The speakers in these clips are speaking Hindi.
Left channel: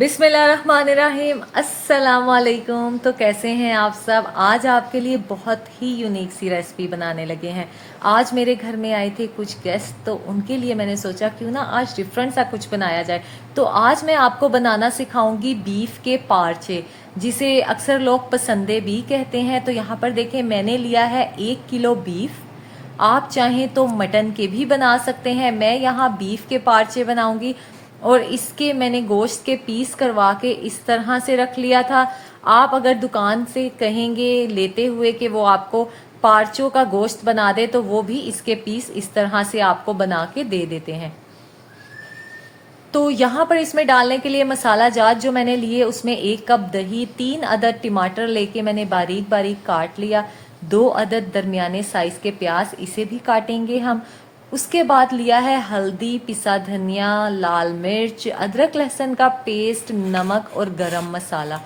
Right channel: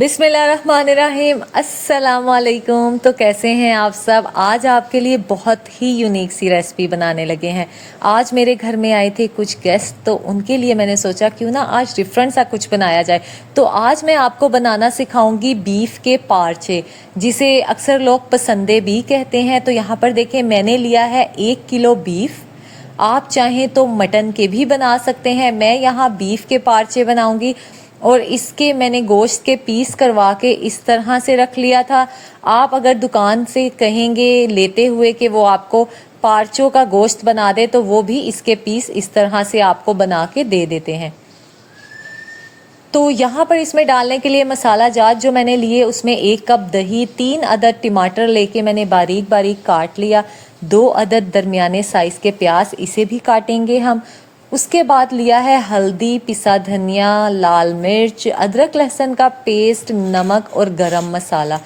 बिस्मिल्लाहिर्रहमानिर्रहीम, अस्सलाम वालेकुम। तो कैसे हैं आप सब। आज आपके लिए बहुत ही यूनिक सी रेसिपी बनाने लगे हैं। आज मेरे घर में आए थे कुछ गेस्ट, तो उनके लिए मैंने सोचा क्यों ना आज डिफरेंट सा कुछ बनाया जाए। तो आज मैं आपको बनाना सिखाऊंगी बीफ के पार्चे, जिसे अक्सर लोग पसंदे भी कहते हैं। तो यहाँ पर देखें, मैंने लिया है 1 किलो बीफ। आप चाहें तो मटन के भी बना सकते हैं। मैं यहाँ बीफ के पार्चे बनाऊंगी और इसके मैंने गोश्त के पीस करवा के इस तरह से रख लिया था। आप अगर दुकान से कहेंगे लेते हुए कि वो आपको पार्चों का गोश्त बना दे, तो वो भी इसके पीस इस तरह से आपको बना के दे देते हैं। तो यहाँ पर इसमें डालने के लिए मसाला जात जो मैंने लिए, उसमें 1 कप दही, 3 अदद टमाटर लेके मैंने बारीक बारीक काट लिया, 2 अदद दरमियाने साइज़ के प्याज, इसे भी काटेंगे हम। उसके बाद लिया है हल्दी, पिसा धनिया, लाल मिर्च, अदरक लहसुन का पेस्ट, नमक और गरम मसाला।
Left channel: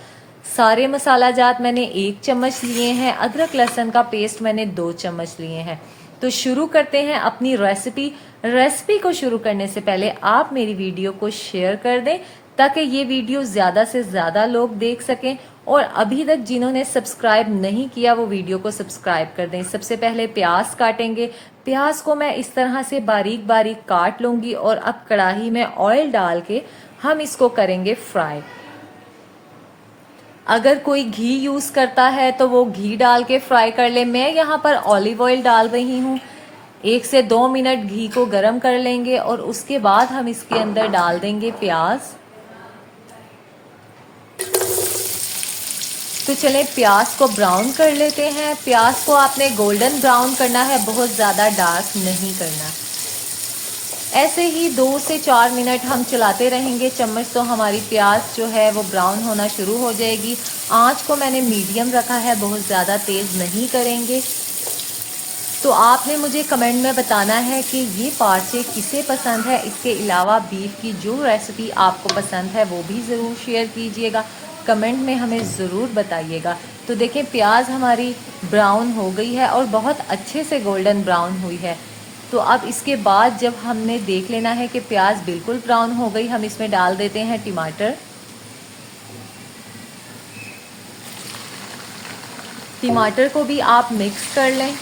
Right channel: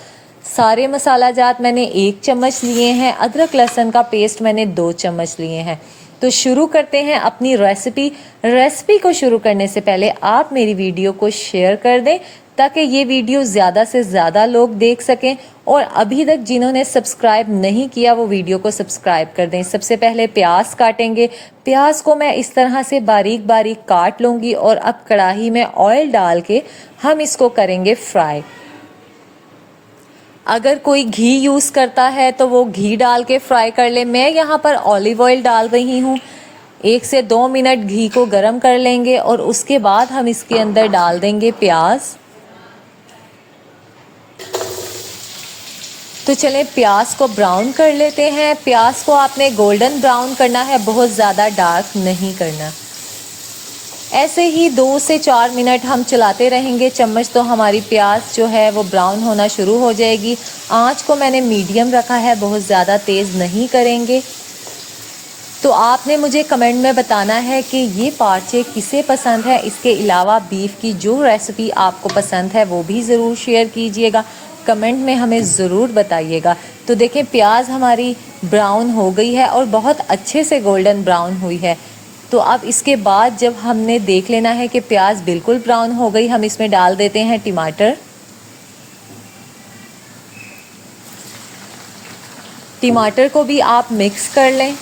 सारे मसाला जात मैंने 1 चम्मच लिए हैं। अदरक लहसुन का पेस्ट मैंने 2 चम्मच लिए हैं। तो शुरू करते हैं अपनी रेसिपी को शुरू करने से पहले आप मेरी वीडियो को शेयर कर दें, ताकि ये वीडियो ज़्यादा से ज़्यादा लोग देख सकें। और अभी तक जिन्होंने सब्सक्राइब नहीं किया वो वीडियो को सब्सक्राइब कर दें। सबसे पहले प्याज काटेंगे। प्याज को मैं इस तरह से बारीक बारीक काट लूँगी और अब कढ़ाई में ऑयल डाल के हम इसको करेंगे फ्राई। अगर कोई घी यूज़ करता है तो वो घी डाल के फ्राई कर ले। मैं यहाँ पर ऑलिव ऑयल डाल रही हूँ। 1 से 2 मिनट घी को गरम कर लेंगे और उसके बाद हम इसके अंदर डाल देंगे प्याज। तो चलें प्याज को ब्राउन कर लेते हैं। प्याज को आपने गोल्डन ब्राउन करना है, बहुत ज़्यादा डार्क नहीं करना। ऐसे ही 2 से 4 मिनट हम चलाते रहेंगे चम्मच, तो हमारी प्याज जो है वो ब्राउन होना शुरू हो जाएगी। आंच को मैंने मीडियम रखा है, बहुत ज़्यादा तेज़ नहीं करेंगे। तो आपने मुझे कमेंट में बताना है कि ये पार्चे किसे पसंद है। इसके अलावा बीफ की जो रेसिपी आपको पसंद है वो भी ज़रूर शेयर कीजिएगा, कमेंट में हमें ज़रूर बताइएगा। तो देखें प्याज हमारी ब्राउन हो गई है और बहुत अच्छे से गोल्डन ब्राउन हुई है। तो अब इसके बाद जब हमने देख लेना है कि प्याज बिल्कुल ब्राउन हो गई, हम इसमें डाल देते हैं टमाटर। टमाटर को भी आप मिक्स कर लें।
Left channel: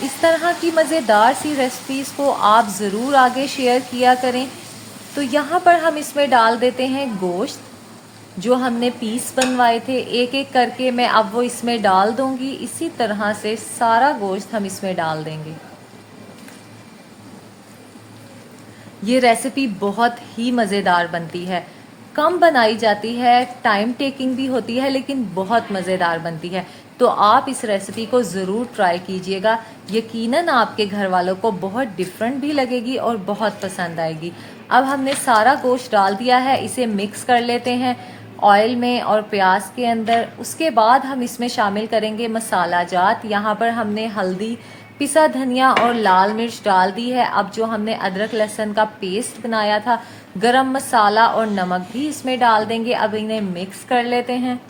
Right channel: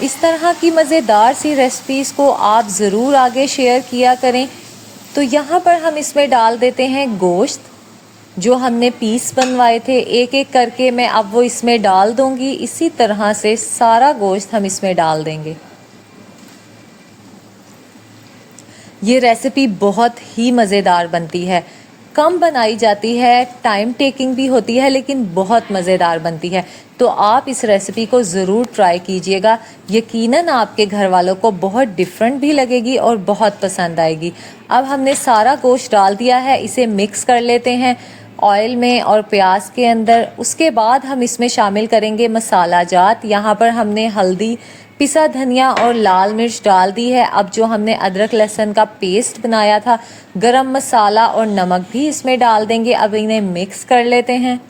इस तरह की मज़ेदार सी रेसिपीज़ को आप ज़रूर आगे शेयर किया करें। तो यहाँ पर हम इसमें डाल देते हैं गोश्त जो हमने पीस बनवाए थे। एक एक करके मैं अब वो इसमें डाल दूँगी। इसी तरह से सारा गोश्त हम इसमें डाल देंगे। ये रेसिपी बहुत ही मज़ेदार बनती है, कम बनाई जाती है, टाइम टेकिंग भी होती है, लेकिन बहुत मज़ेदार बनती है। तो आप इस रेसिपी को ज़रूर ट्राई कीजिएगा। यकीनन आपके घर वालों को बहुत डिफरेंट भी लगेगी और बहुत पसंद आएगी। अब हमने सारा गोश्त डाल दिया है, इसे मिक्स कर लेते हैं ऑयल में और प्याज के अंदर। उसके बाद हम इसमें शामिल करेंगे मसाला जात। यहाँ पर हमने हल्दी, पिसा धनिया और लाल मिर्च डाल दी है। अब जो हमने अदरक लहसुन का पेस्ट बनाया था, गरम मसाला और नमक भी इसमें डाल देंगे। अब इन्हें मिक्स कर लेते हैं।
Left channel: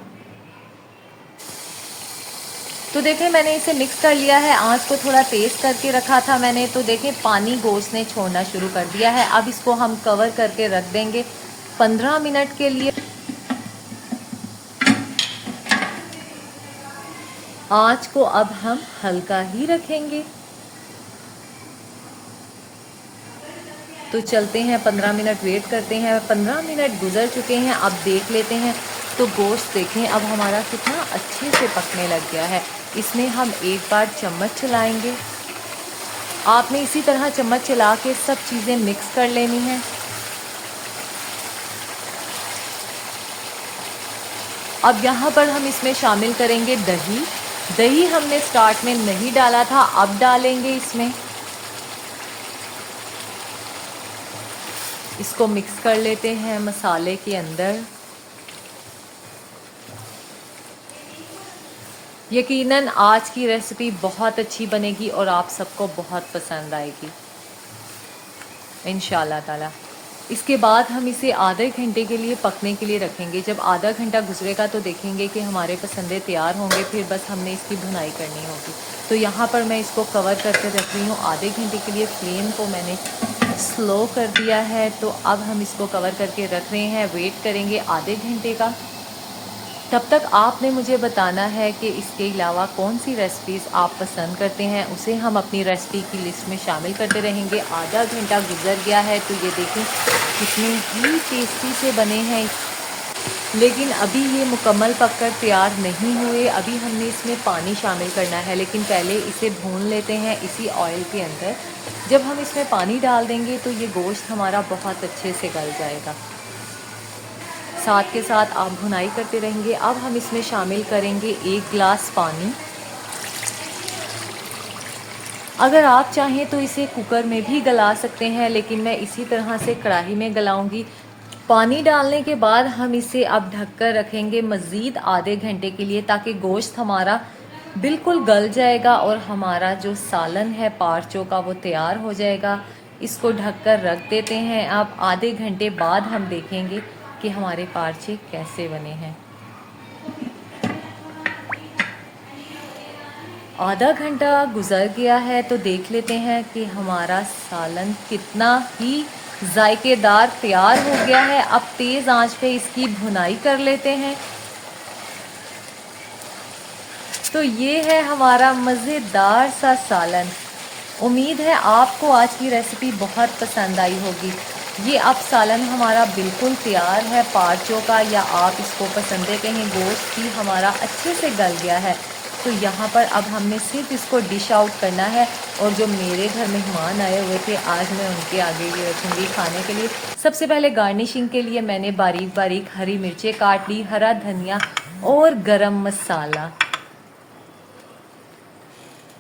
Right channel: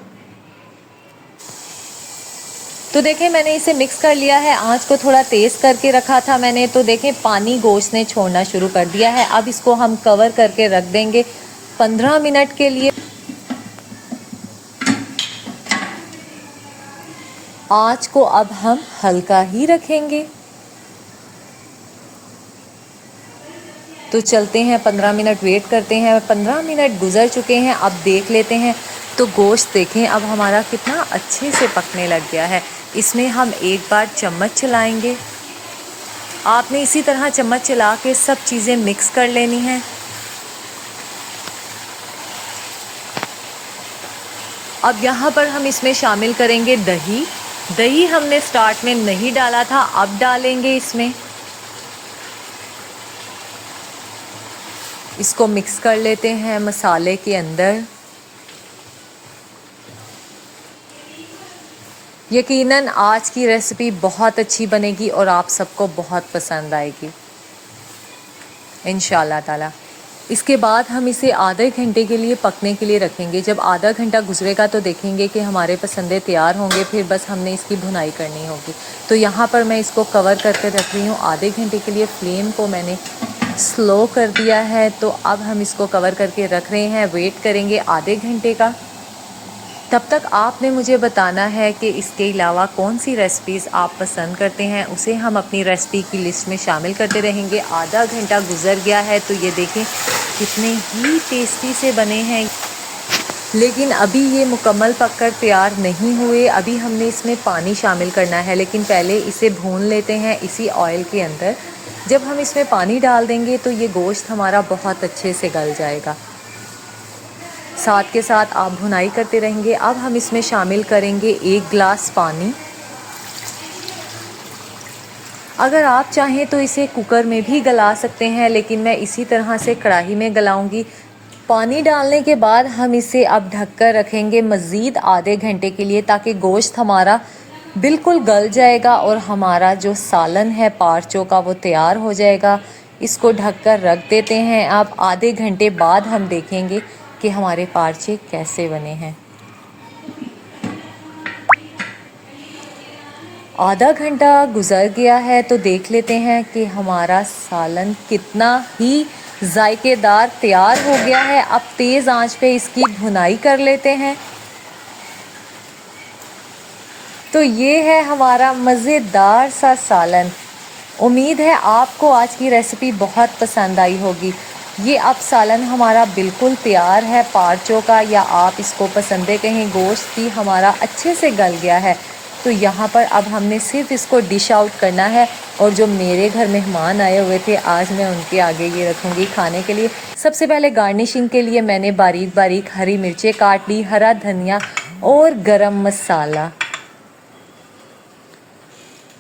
तो देखें मैंने इसे मिक्स कर लिया है। आंच को थोड़ा तेज़ करके रखा था मैंने। तो देखें पानी गोश्त ने छोड़ना शुरू कर दिया है। अब इसको हम कवर करके रख देंगे 15 मिनट के लिए। आंच को अब हम हल्का ही रखेंगे। तो चलते हैं 15 मिनट वेट करते हैं। 15 मिनट गुजर चुके हैं। अब देख लेते हैं। तो गोश्त देखें अब हमारा कितना अच्छे से पकने लग गया है। इसमें हम एक बार चम्मच चलाएंगे। आपने इसी तरह चम्मच चला के सब चीज़ें मिक्स कर लेनी हैं। अब यहाँ पर हम इसमें शामिल करेंगे दही। दही हमने स्टार्ट में नहीं डाला था, अब डालेंगे इसमें। इसको मिक्स कर लेते हैं मसाले के अंदर। यकीनन आज की रेसिपी बहुत अच्छी बनेगी और आप सबको बहुत पसंद आएगी इंशाल्लाह ताला। इसके बाद हम इसे आधे घंटे के लिए पकने के लिए रखेंगे। जब आधा घंटा गुजरेगा तो देखेंगे कि हमारे पसंदे तैयार होंगे, फिर बस हमने इसकी भुनाई करनी होगी। तो यहाँ पर मैं इसको कवर करके रख रही हूँ आधे घंटे के लिए। फ्लेम को मैंने स्लो कर दिया है। तो अब हम इसको कवर करके रख रहे हैं, वेट करेंगे आधे घंटे का। तब तक आपने मुझे बताना है कि इसके अलावा कौन सी रेसिपीज़ आप पसंद करते हैं, उसे हम अपनी रेसिपी की लिस्ट में शामिल करते रहेंगे। आधा घंटा गुजर गया है तो ये देखें कितने ही टेस्टी से बने हैं, लेकिन अभी ये मुकम्मल पककर तैयार नहीं हुए। अभी हमने इसमें पानी शामिल करना है, लेकिन पहले इसे भून लेते हैं इसी ऑयल के अंदर। जब हम इसमें पानी डाल देंगे तो ये गोश्त हमारा बहुत अच्छे से गल जाएगा। साथ के साथ आप भुनाई करते रहेंगे। अब हम इसमें शामिल करेंगे 1 गिलास पानी। अगर आप चाहें तो इसे कुकर में भी गला सकते हैं, लेकिन मैं इसी तरह से कढ़ाई में गलाऊंगी। पानी डालने के बाद हम इसे अब ढककर रखेंगे मज़ीद आधे घंटे के लिए, ताकि गोश्त हमारा बिल्कुल गल जाएगा और हमारा जो सालन है पार्चों का वो तैयार हो जाएगा। इसको ढककर रख देते हैं। अब आधे घंटे बाद हम देखेंगे कि हमारे पार्चे कैसे बने हैं। आधा घंटा गुजर गया है तो देख लेते हैं कि हमारा सालन कितना ही जायकेदार तैयार हो गया है। अब तेज़ आंच पे इसकी भुनाई कर लेते हैं। तो ये है हमारा मज़ेदार सा सालन। उम्मीद है आपको आज की रेसिपी बहुत पसंद आई होगी। ये अब सालन हमारा बिल्कुल तैयार है पार्चों का, या आप इसको पसंदे कहें गोश्त की, हमारा अच्छे से गल गया है। तो यहाँ पर अब हमने सिर्फ इसको डिश आउट करना है। और जो मेरे घर मेहमान आए हुए थे आज मैं उनके आगे ये रखूँगी खाने के लिए। सबसे पहले गार्निशिंग के लिए मैंने बारीक बारीक हरी मिर्चें काट ली, हरा धनिया और गरम मसाला।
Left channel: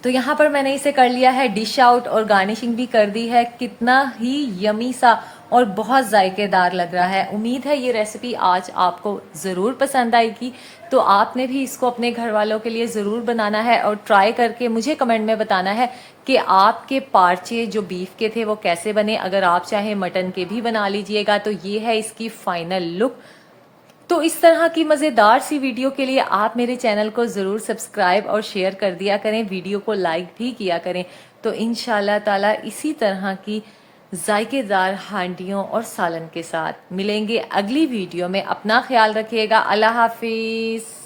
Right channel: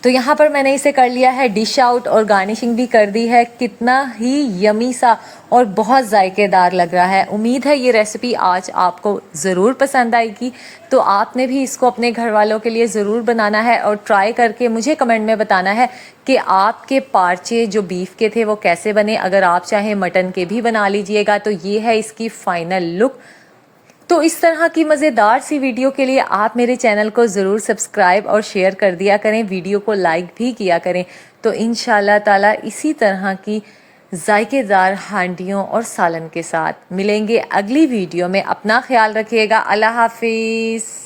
तो यहाँ पर मैंने इसे कर लिया है डिश आउट और गार्निशिंग भी कर दी है। कितना ही यमी सा और बहुत जायकेदार लग रहा है। उम्मीद है ये रेसिपी आज आपको ज़रूर पसंद आएगी। तो आपने भी इसको अपने घर वालों के लिए ज़रूर बनाना है और ट्राई करके मुझे कमेंट में बताना है कि आपके पार्चे जो बीफ के थे वो कैसे बने। अगर आप चाहें मटन के भी बना लीजिएगा। तो ये है इसकी फाइनल लुक। तो इस तरह की मज़ेदार सी वीडियो के लिए आप मेरे चैनल को ज़रूर सब्सक्राइब और शेयर कर दिया करें, वीडियो को लाइक भी किया करें। तो इंशाल्लाह ताला इसी तरह की जायकेदार हांडियों और सालन के साथ मिलेंगे अगली वीडियो में। अपना ख्याल रखिएगा। अल्लाह हाफिज़।